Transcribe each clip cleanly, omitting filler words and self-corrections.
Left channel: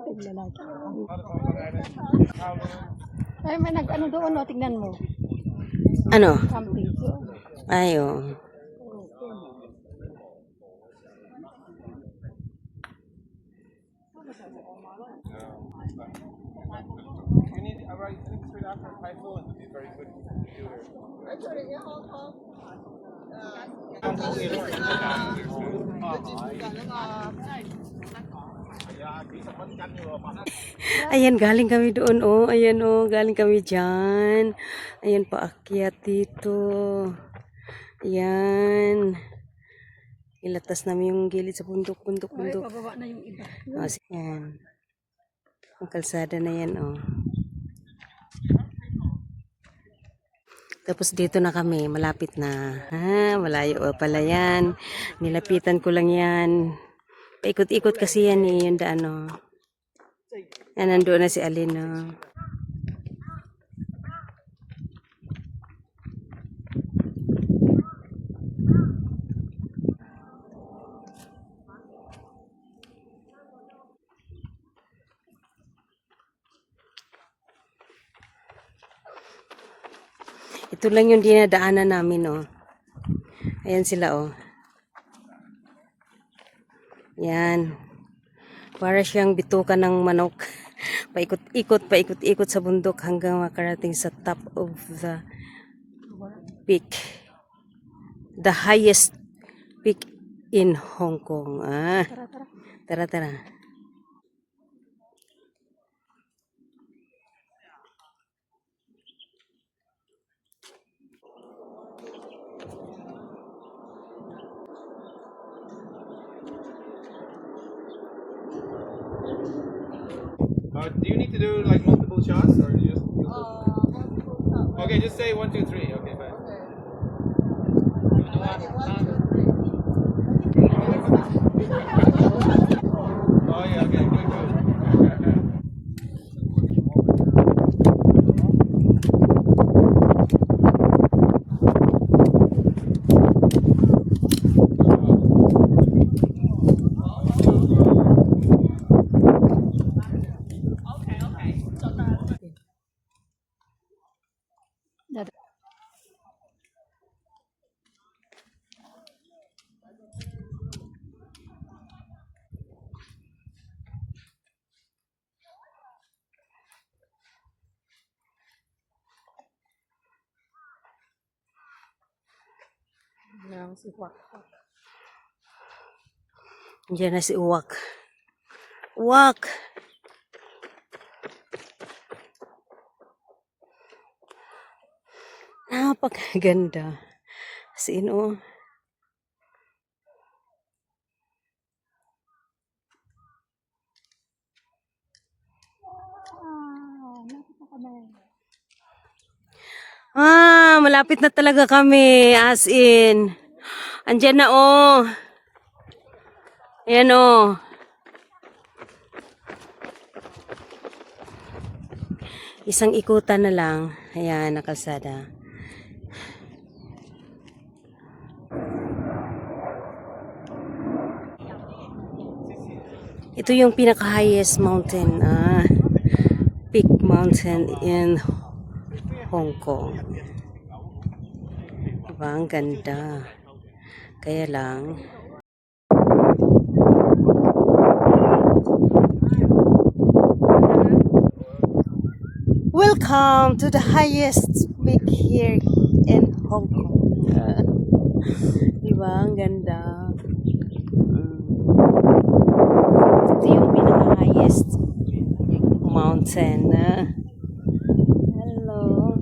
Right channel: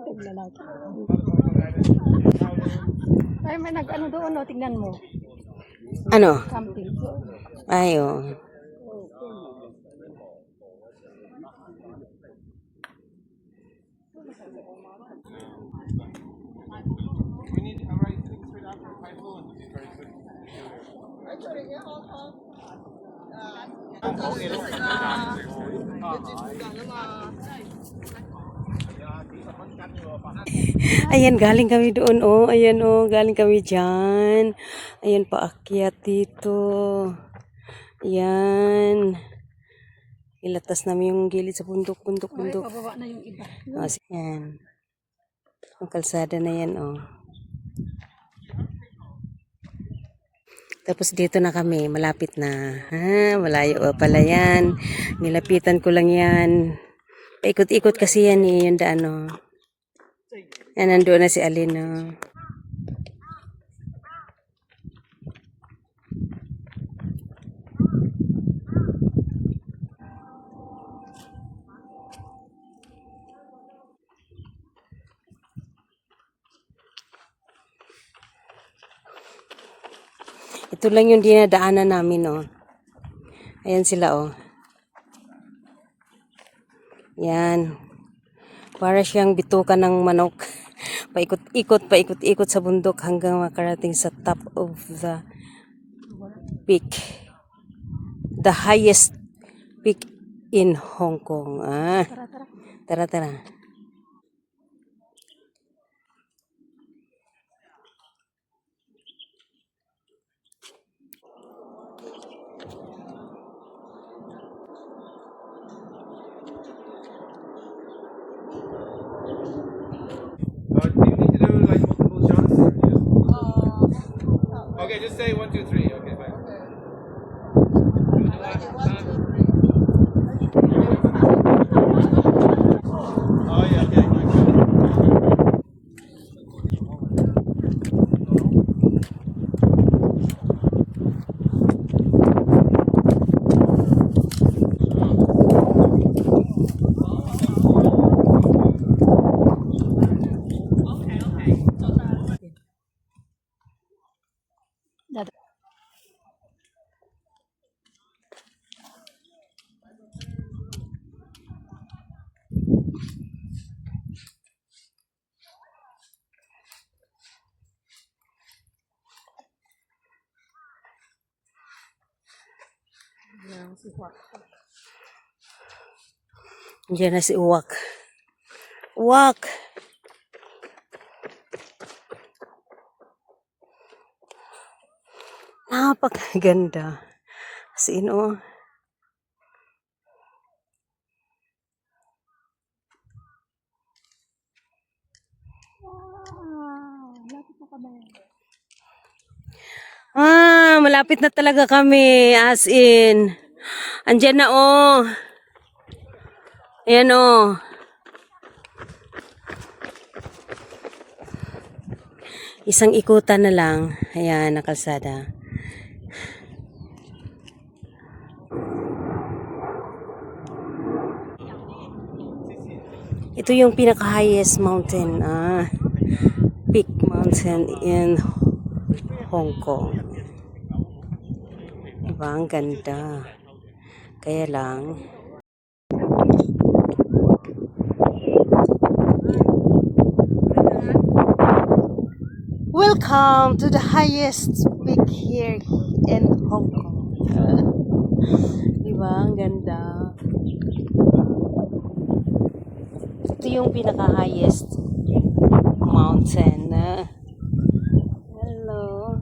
Lalaki. Ay, may nag-ano doon, no? Tingnan mo. Ano? Camping. Ay, oh. Ayan, galing kami doon, oh. Ayan, oh. Galing kami dyan. Ayan, paakyat dito. Ayan. Ilatas namin yung gilid sa bundok. Ay, pababa na yung iba. Oh, ayan. Ang kalsada na yan, oh. Tapos dito na kami, malapit na. Ha, malayo pala yan. Nilapitan ko lang yan. Paikot-ikot kasi yan eh, yung daan, oh. Yan, nandoon na si Alin, oh. Ito lang yung dinadaanan namin, oh. Ayan sila, oh. Yan. Para siyang bituka ng manok. Paikot-ikot sa bundok hanggang makarating sa top of the peak. The highest peak in Hong Kong. Ah. Tara. Do you need to do like multiple shots or do you just okay, just say 1, 2, 3. Okay, fine. Oh yeah, okay, good. Diyan na si Uwak. Uwak! Napakaganda. Sino? Malapit na talaga kami. As in. Andyan na, oh. Ayan, oh. Isang ikutan na lang. Ayan, nakalsada. Ito yung pinaka-highest mountain. Peak mountain in Hong Kong. Diba? Ang ganda. Kaya lang, welcome to the highest peak here in Hong Kong. Diba? Ang ganda. Ito yung pinaka-highest mountain. Hello.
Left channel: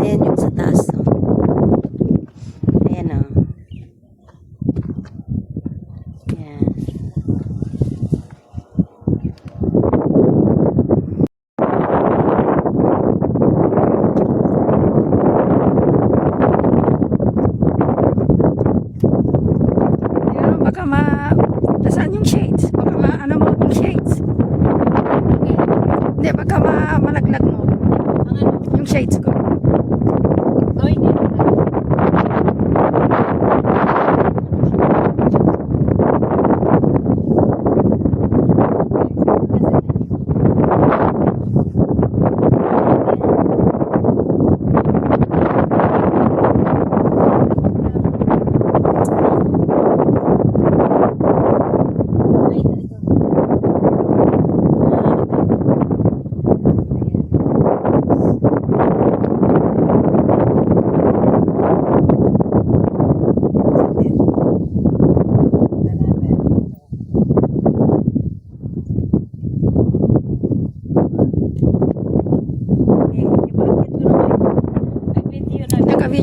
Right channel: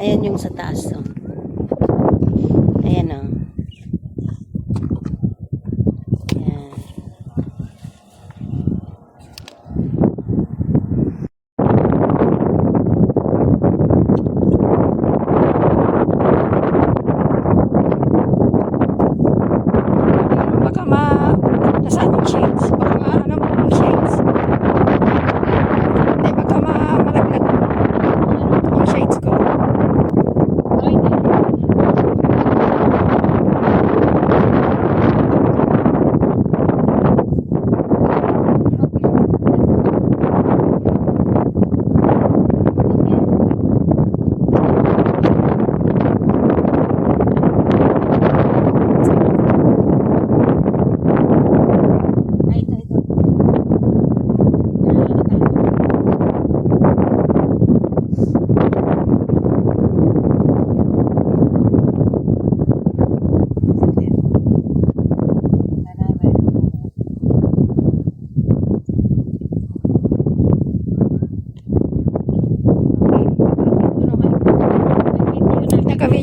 Ayan yung sa taas. Oh. Ayan, oh. Ayan. Baka nasaan yung shades? Baka ano mo yung shades? Hindi, baka malaglag yung shades ko.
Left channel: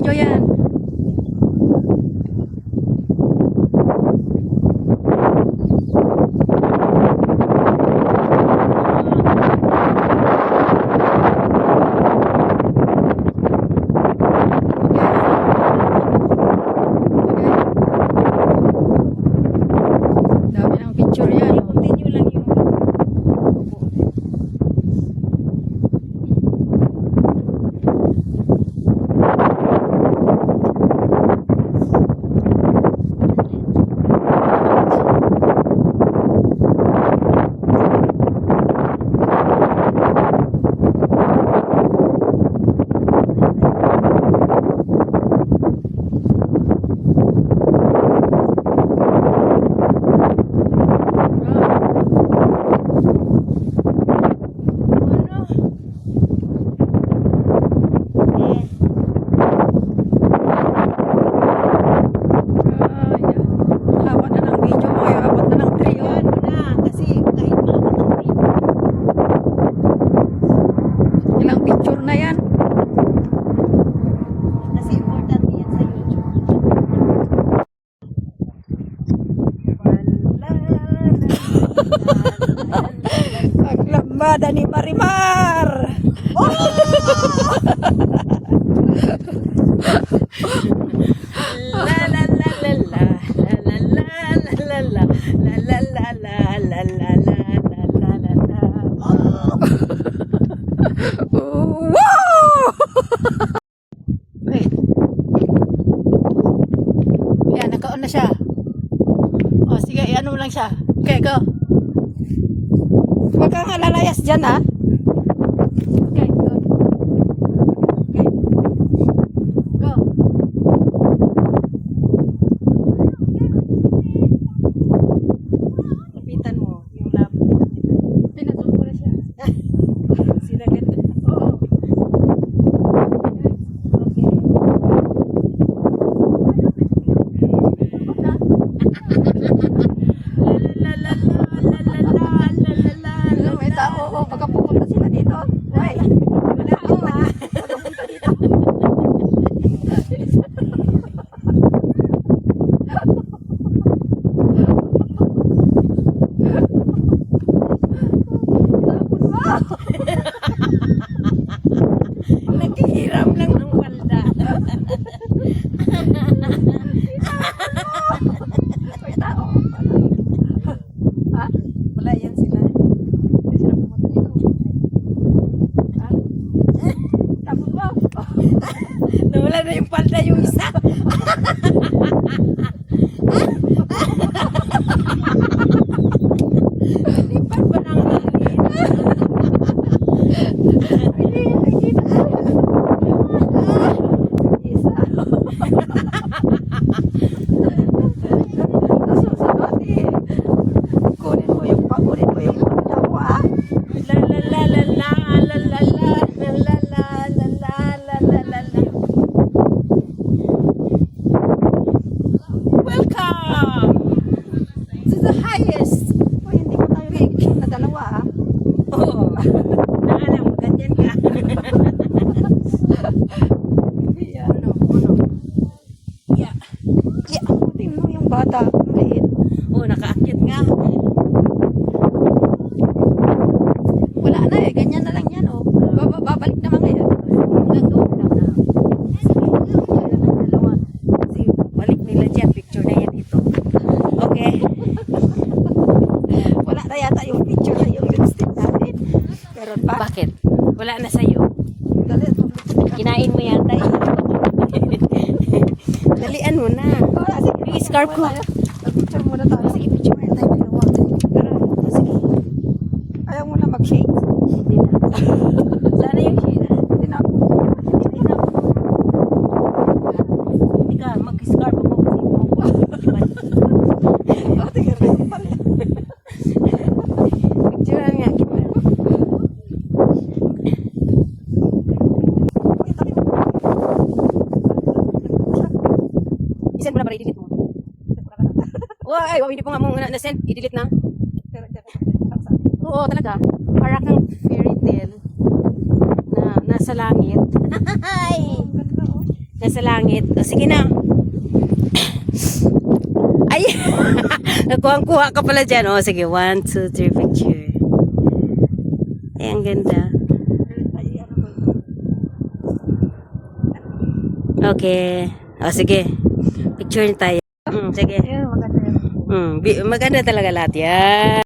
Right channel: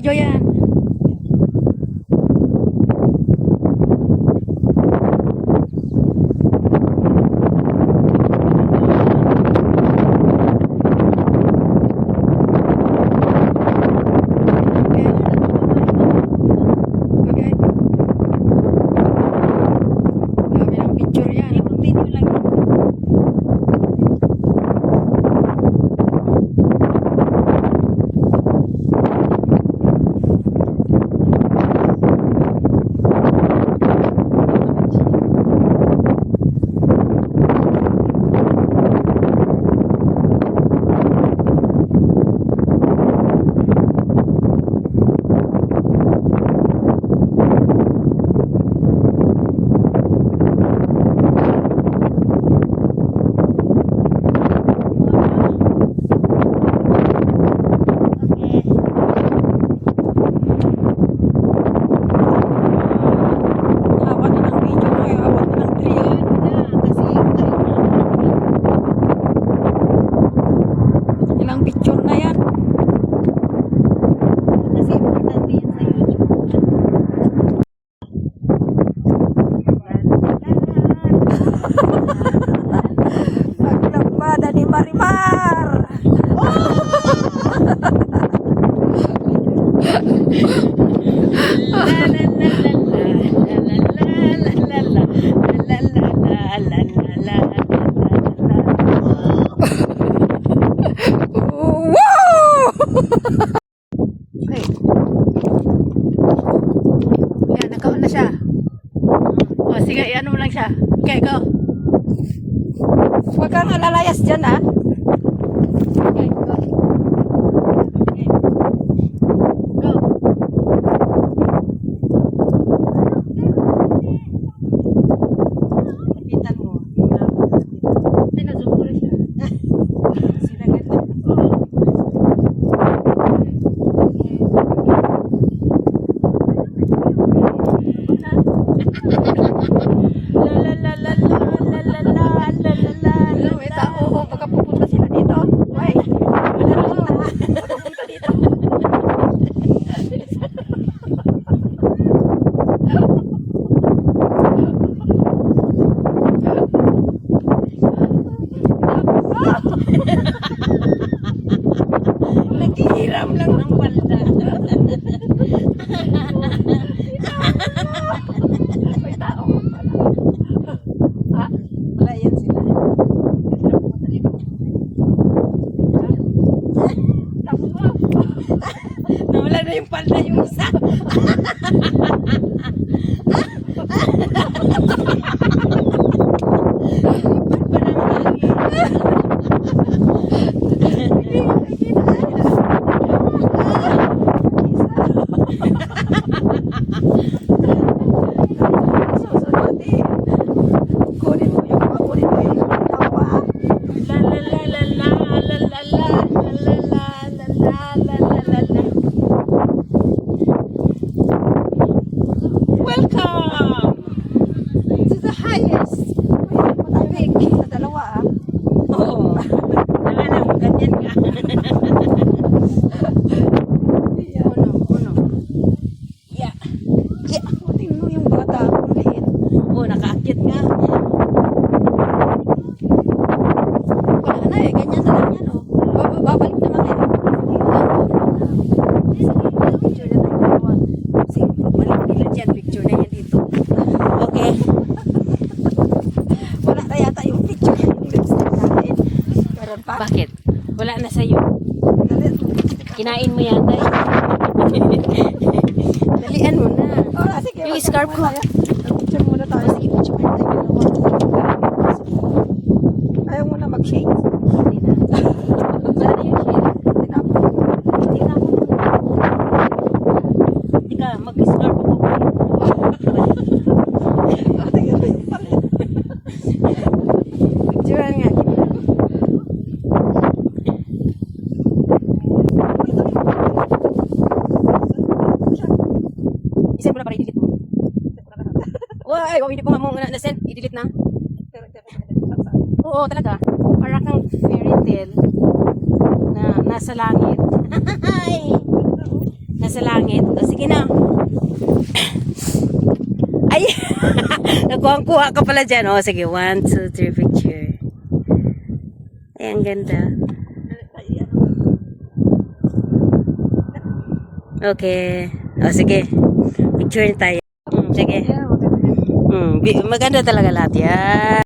video yan. Dami ng picture yan. Continue lang yun. Abot na ng video mo. Abot na ng 3 oh. Ilang picture na yan. Kasi importante yan sa YouTube. Naglambada ni Marimar. La la la la la la la la la la la la la la Wow! Yan, nakaon na siya. O, sige, ano mo lang siya. Okay, go. Huwag kang alalayas dyan, ha? Okay, go. Okay. Go. Kapitan mo. Pinasok ko na siya. Sila ganda. Hello, may tao. Baka pupunta sila dito. Uy, baka punta dito. Naghihiram lang ng palda. May tao. Ha? Wala yan sila. Kasi na pumunta dito. Ha? Tapos mo. Nawala na yung palda yung isa. Kunin mo yung pakunin mo yung tao, ha? La la la la la la la la la la la la la la la. Welcome to the highest peak. Sa dalawa, ha? Oo. Ano, ganyan ka. Yeah. Yeah. Tingnan mo yung bata. Ang liit. Oh, nakaakyat nga. Wala na eh. Ganyan na lang yan, oh. Babalik naman yan. Sige, balik nila dyan. Picture na yan dito. Okay. Wala na yata yung picture na yung lipstick natin. Meron pa? Bakit? Wala na sa'yo. Dali. Kinain mo yata eh. Dalian mo na. Oh, sige. Yung scarf ko. Picture muna tayo. Sige, picture muna tayo. Sige. Ayaw mo na mag-shake. Sana yung shade. Hindi na. Hindi na. Ika, mag-scarf ako. Oh, tingnan mo yung pala. Picture nga. Isend mo na para i-delete mo. Ay, hindi ko nga mo na-send. I-delete na. Oo, talaga. Para kang fairy tale na nasa langit. Ay! Nasa langit. O, sige na. Ay! Nakuha ka pala dyan. O, sige. 1, 2, 3, picture. Ay, ang ganda. Okay. O, sige. Picture tayo. Sige. Yeah, maganda yan. Maganda talaga lahat yan.